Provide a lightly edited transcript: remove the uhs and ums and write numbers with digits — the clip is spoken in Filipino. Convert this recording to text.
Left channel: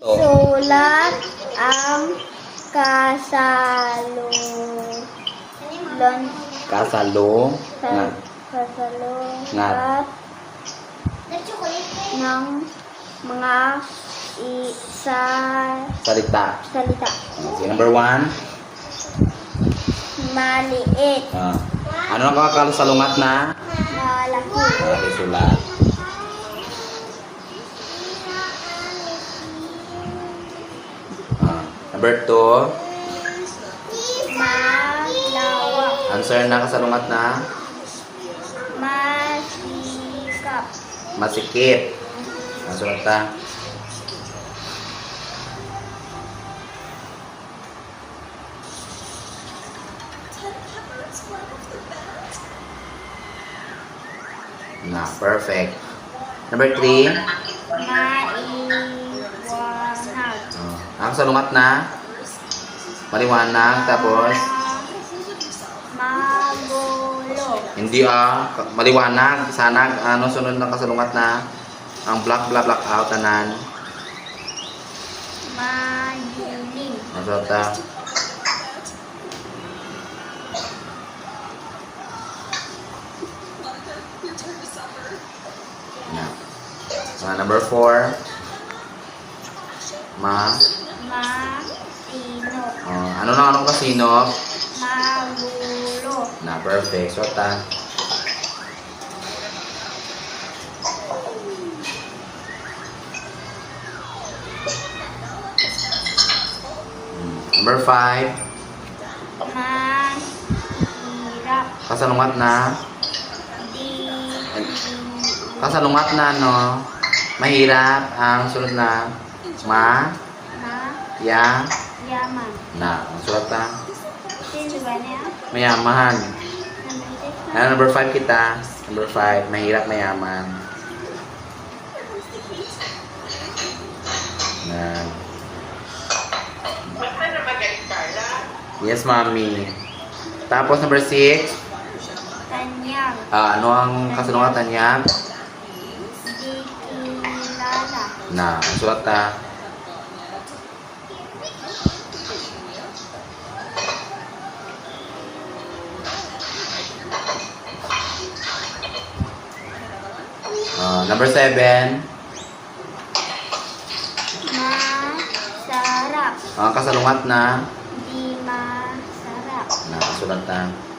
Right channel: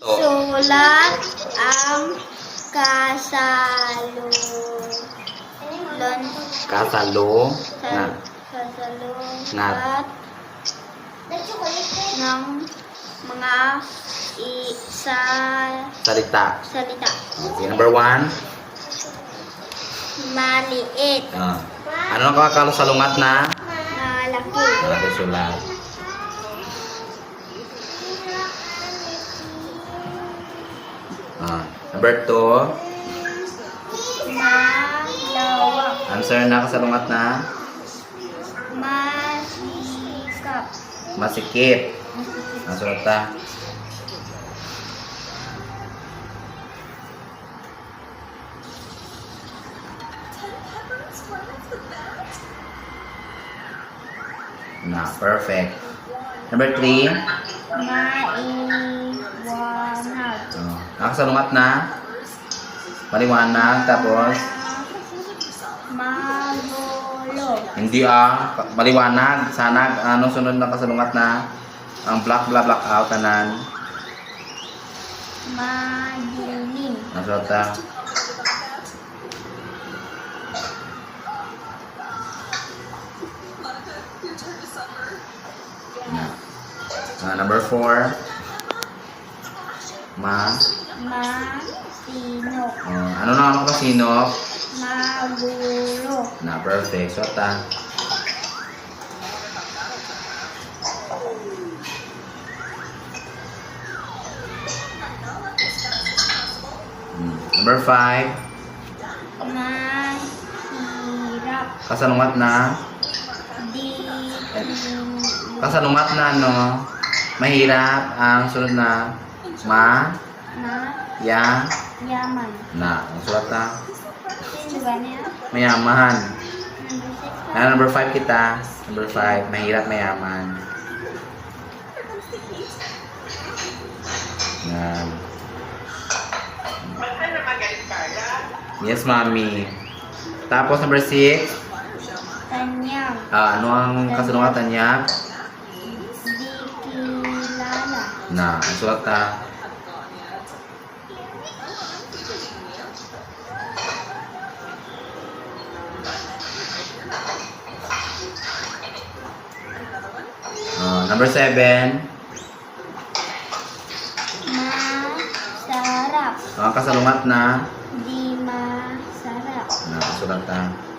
Sulat ang kasalungan Ngat. ng mga Salita. salita. Okay, number 1. Maliit, Ano ang kakasalungat na? malaki, Okay, sulat. Number 2. malawak, Answer na kasalungat na? masikap, Masikip. Ang sulat ta. Perfect. Number 3. maiwanag, Ang salungat na? Maliwanag. Tapos? magulo, Hindi maliwanag. Sanag. Ano sunod ng kasalungat na? Ang black out tanan. madilim, Ang sulat ta. Number 4. masinop, Anong kasino? magulo, Perfect. So, Number 5. mahirap, Kasalungat na? Kasalungat na, no? Mahirap. Ang sunod na? yaman. Ang sulat ta? Sino ba niya? Mayaman. Number 6. Number 5 kita. Number 5. Mahirap, mayaman. Yan. Yes, mommy. Tapos, number 6. Tanyag, Ano ang kasalungatan niya? di kilala, Ang sulat ta? Number 7. masarap, Ang kasalungat na? di masarap, Ang sulat ta?